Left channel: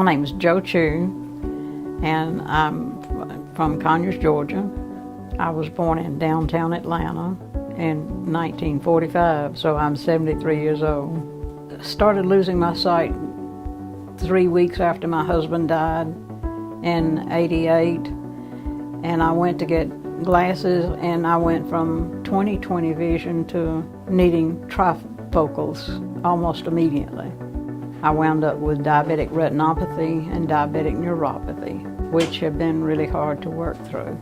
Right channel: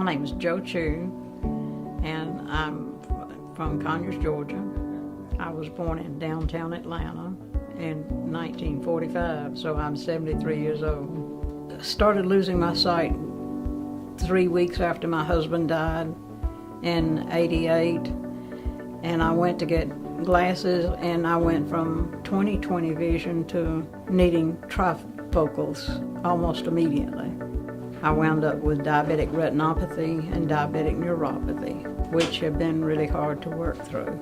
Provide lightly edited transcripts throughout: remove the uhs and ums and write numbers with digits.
My name is Jo Chu, and I'm from Conyers, Georgia. I was born in downtown Atlanta in 1945, so I'm 73 years old. Started losing my sight 3 weeks after my husband died in '88, and I went to get glasses, and I went from 20/20 vision to needing trifocals almost immediately. I wound up with diabetic retinopathy and diabetic neuropathy, which have been really hard to work through.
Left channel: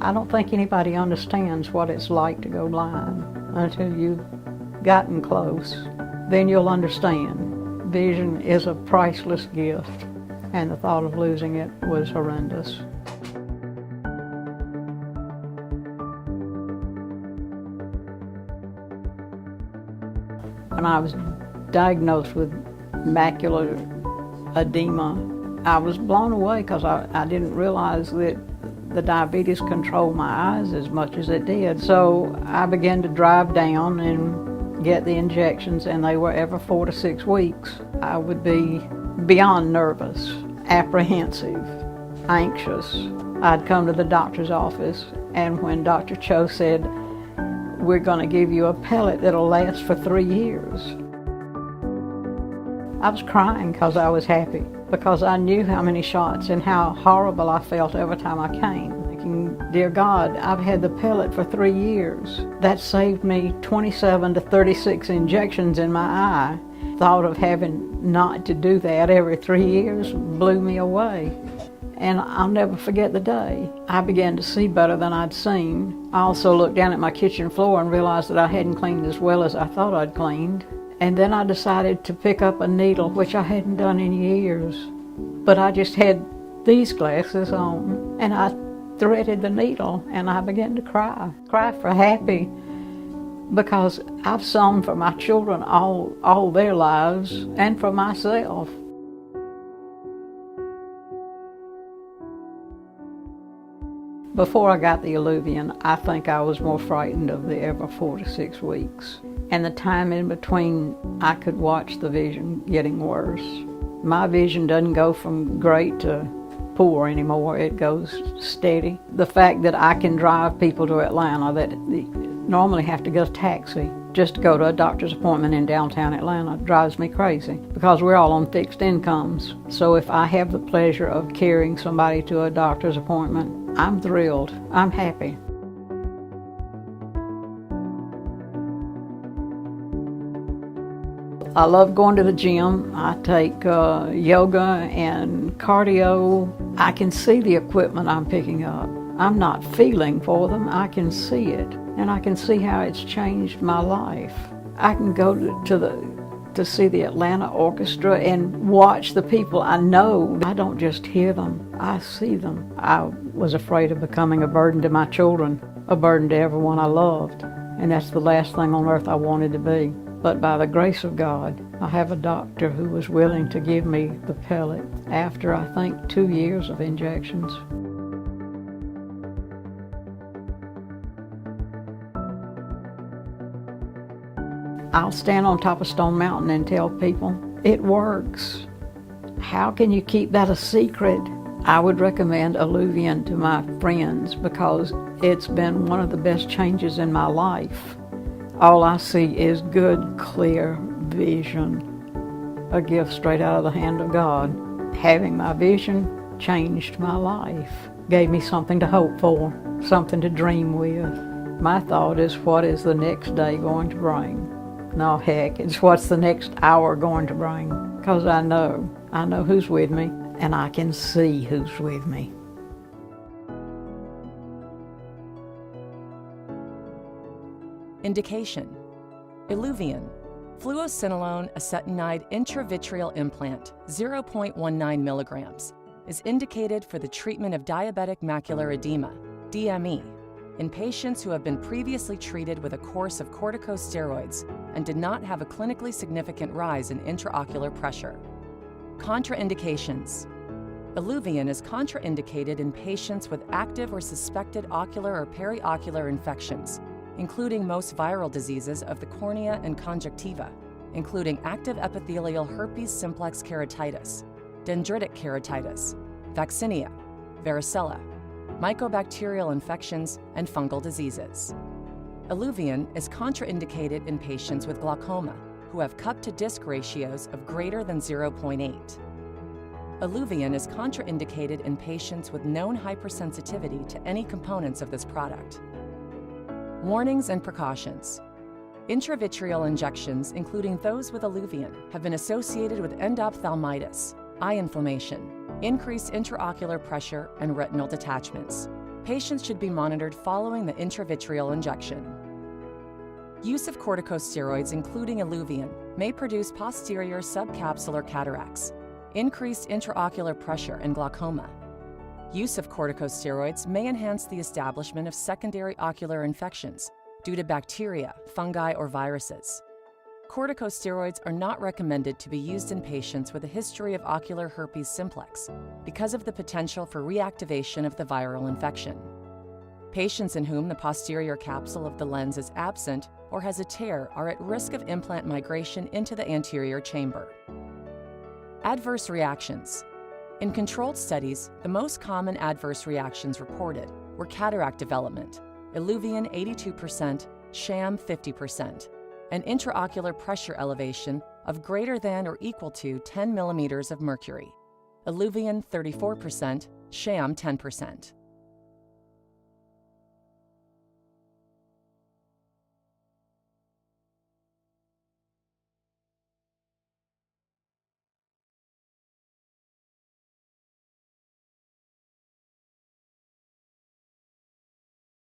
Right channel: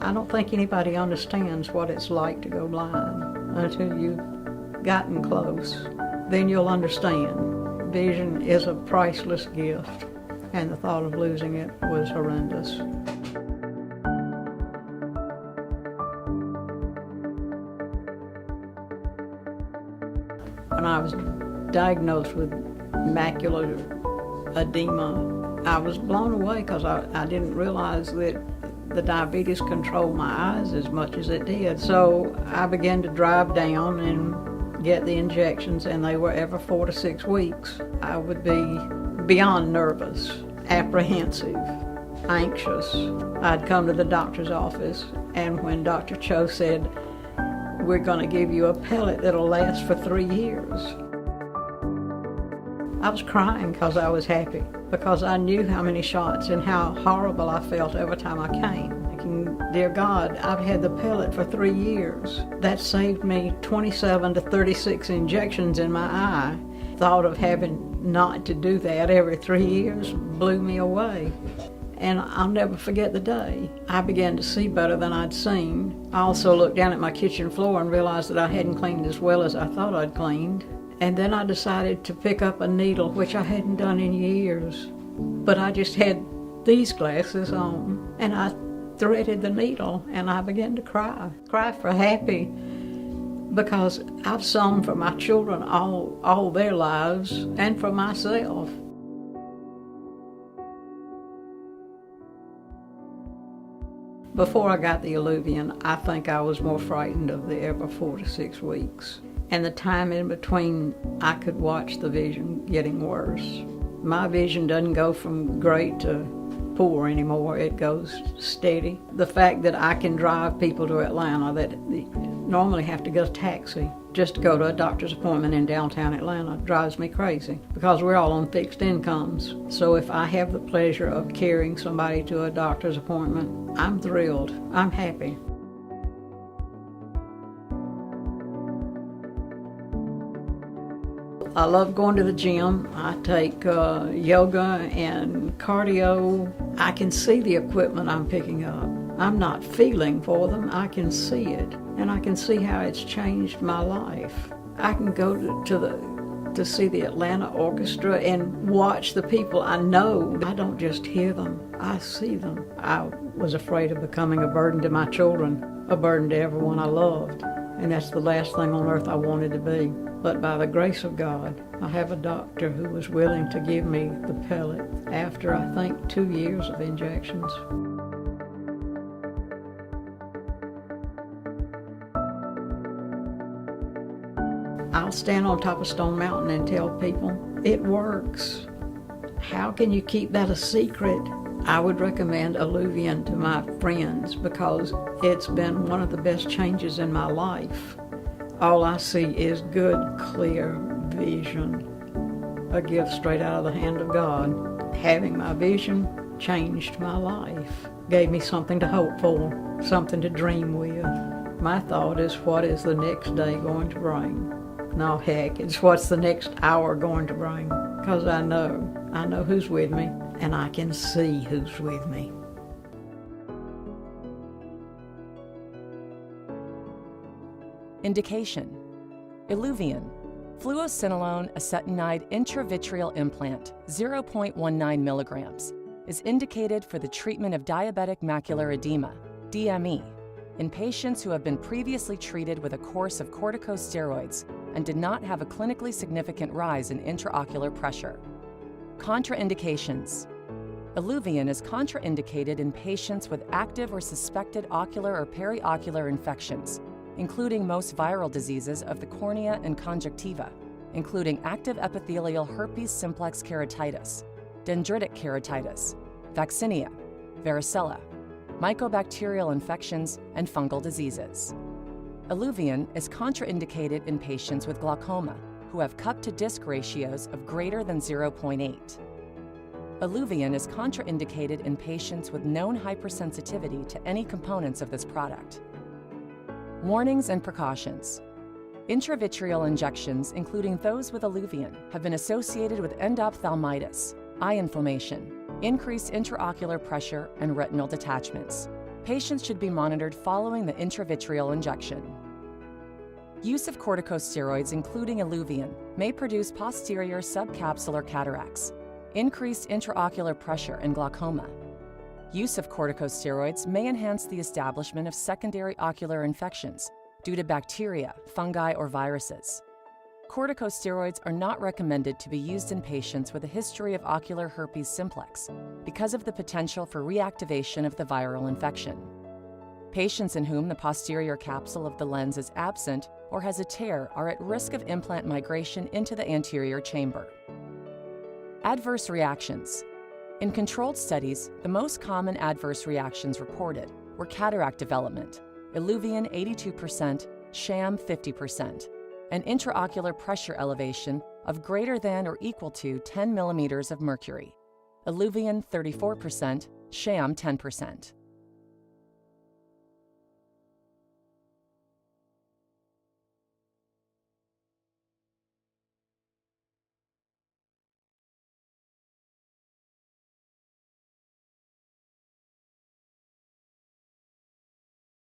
I don't think anybody understands what it's like to go blind until you've gotten close. Then you'll understand. Vision is a priceless gift, and the thought of losing it was horrendous. When I was diagnosed with macular edema, I was blown away because I didn't realize that the diabetes controlled my eyes as much as it did. So I began to drive down and get the injections, and they were every 4 to 6 weeks. I would be beyond nervous, apprehensive, anxious. I'd come to the doctor's office, and when Dr. Cho said, "We're going to give you a pellet that'll last for 3 years," I was crying because I was happy, because I knew how many shots and how horrible I felt every time I came. Thinking, dear God, I've had the pellet for 3 years. That saved me 27 to 36 injections in my eye. Thought of having not to do that every 3 years blew me away. And I'll never forget the day. I began to see better than I'd seen. I also looked down at my kitchen floor and realized that I hadn't cleaned as well as I thought I'd cleaned. And then I decided to pick up a needle, which I hadn't done in years. But I just had these glasses on, and I threaded the needle, and I began to cry for happy, because I've sown for my children all their lives, and for myself. Before I got the Illuvian, I think I was more frightened of the every 4 to 6 weeks. And the time in between, I could watch the vision getting worse. My vision doesn't go from great to poor anymore. It goes steady. The fact that I can drive people to Atlanta that normally have to get a taxi just to go to a doctor's appointment in downtown Atlanta drives me crazy, because we're all on fixed incomes. So if I have the pleasure of carrying somebody to a doctor's appointment, I'm thrilled. I'm happy. I love going to the gym. I take yoga and cardio. I can see the equipment I'm picking up. I'm not feeling for them. I can see it, and I can see how it's changed my life. I can go to see the Atlanta Orchestra and watch the people I know. I don't just hear them, I see them. I was afraid of becoming a burden to my children, a burden to everyone I loved, and that's the last thing on earth I wanted to be. But by the grace of God, I have a doctor who was willing to give me the pellet after, I think, 2 years of injections. I'll stand on top of Stone Mountain and tell people, it works. How can you keep that a secret? I would recommend Illuvian to my friends, because it's been one of the best changes in my life. All I see is good, clear vision, a gift straight out of the hand of God. Having my vision changed my life, gave me something to hope for, something to dream with. My thought is, what is the next day going to bring? No, heck, it's what's the next hour going to bring, because I know who's with me, and I can see who's with me. Indication: Illuvian, fluocinolone acetonide intravitreal implant, 0.19 milligrams, is indicated for the treatment of diabetic macular edema, DME, in patients who have been previously treated with a course of corticosteroids and did not have a clinically significant rise in intraocular pressure. Contraindications: Illuvian is contraindicated in patients with active or suspected ocular or periocular infections, including most viral diseases of the cornea and conjunctiva, including active epithelial herpes simplex keratitis, dendritic keratitis, vaccinia, varicella, mycobacterial infections, and fungal diseases. Iluvien is contraindicated in patients with glaucoma who have cup-to-disc ratios of greater than 0.8. Iluvien is contraindicated in patients with known hypersensitivity to any components of this product. Warnings and precautions. Intravitreal injections, including those with Iluvien, have been associated with endophthalmitis, eye inflammation, increased intraocular pressure, and retinal detachments. Patients should be monitored following the intravitreal injection. Use of corticosteroids, including Iluvien, may produce posterior subcapsular cataracts, increased intraocular pressure, and glaucoma. Use of corticosteroids may enhance the establishment of secondary ocular infections due to bacteria, fungi, or viruses. Corticosteroids are not recommended to be used in patients with a history of ocular herpes simplex because of the potential for reactivation of the viral infection. Patients in whom the posterior capsule of the lens is absent or has a tear are at risk of implant migration into the anterior chamber. Adverse reactions. In controlled studies, the most common adverse reactions reported were cataract development, Iluvien 82%, sham 50%, and intraocular pressure elevation of greater than or equal to 10 millimeters of mercury, Iluvien 34%, sham 10%.